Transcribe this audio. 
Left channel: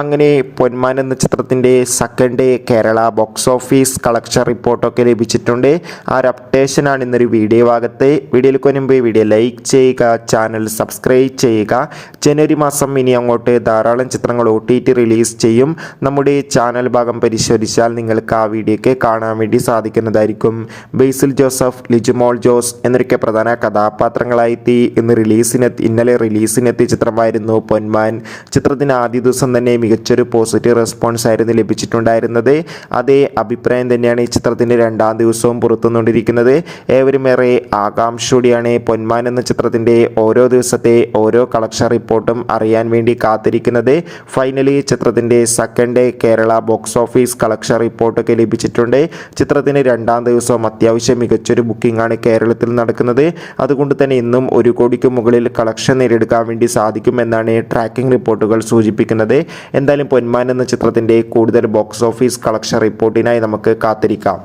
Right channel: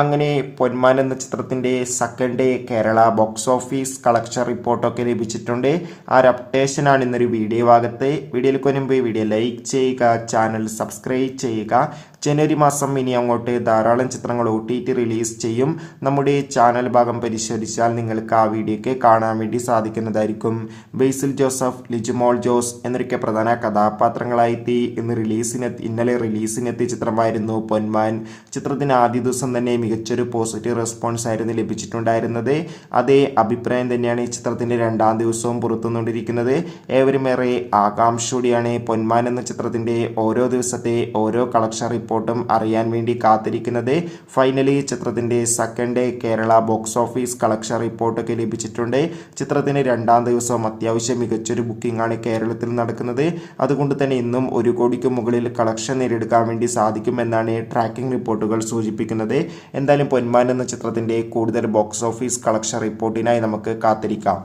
അങ്ങനെ പൊന്മാൻ എന്ന ചിത്രത്തിൻ്റെ second day Kerala box office collection റിപ്പോർട്ടൊക്കെ ലഭിച്ചിട്ടുണ്ട്. ആ ഒരു അപ്ഡേഷനാണ് ഇന്നൊരു വീഡിയോ ഭാഗത്ത്. വീഡിയോയിലേക്ക് മുൻപ് വീഡിയോ ലൈക്ക് ചെയ്യുക, ചാനൽ സബ്സ്ക്രൈബ് ചെയ്യുക. ജനുവരി മാസം ഇനി അങ്ങോട്ട് ധാരാളം ചിത്രങ്ങൾ OTT റിലീസ് ചെയ്യും. നമ്മുടെ ചാനൽ ഭാഗം പരിശോധിച്ചാൽ നിങ്ങൾക്ക് ആ വീഡിയോയ്ക്ക് കാണാൻ വേണ്ടി സാധിക്കുന്നതായിരിക്കും. ബേസിൽ ജോസഫ്, ലിജുമോൾ ജോസ് എന്നൊക്കെ പ്രധാന കഥാപാത്രങ്ങളായെത്തി ഇന്നലെ റിലീസിനെത്തിയ ചിത്രമായിരുന്നു പൊന്മാൻ. ചിത്രത്തിന് ആദ്യ ദിവസം തന്നെ മികച്ചൊരു പോസിറ്റീവ് റെസ്പോൺസ് ആയിരുന്നു ലഭിച്ചിട്ടുണ്ടായിരുന്നത്. അതേ അഭിപ്രായം തന്നെയാണ് ഈ ചിത്രത്തിൻ്റെ രണ്ടാം ദിവസവും പുറത്തുകൊണ്ടിരിക്കുന്നത്. ഏവരും ഏറെ ആകാംക്ഷയോടെയാണ് പൊന്മാൻ എന്ന ചിത്രത്തിൻ്റെ ഓരോ ദിവസത്തെ ഓരോ കളക്ഷൻ റിപ്പോർട്ടും അറിയാൻ വേണ്ടി കാത്തിരിക്കുന്നത്. ഫൈനലി ചിത്രത്തിൻ്റെ second day Kerala box office collection റിപ്പോർട്ടൊക്കെ ലഭിച്ചിട്ടുണ്ട്. ചിത്രത്തിന് രണ്ടാം ദിവസവും അത്യാവശ്യം മികച്ചൊരു ബുക്കിംഗ് ആണ് കേരളത്തിൽ നടക്കുന്നത്. അതുകൊണ്ട് തന്നെ ഇന്നും 1 കോടിക്ക് മുകളിൽ കളക്ഷൻ നേടിയെടുക്കാൻ വേണ്ടി സാധിക്കുമെന്നാണ് ട്രാക്കിംഗ് റിപ്പോർട്ടുകൾ സൂചിപ്പിക്കുന്നത്. എന്തായാലും പൊന്മാൻ എന്ന ചിത്രത്തിൻ്റെ കൂടുതൽ ബോക്സ് ഓഫീസ് കളക്ഷൻ റിപ്പോർട്ടിനായി നമുക്ക് കാത്തിരിക്കാം.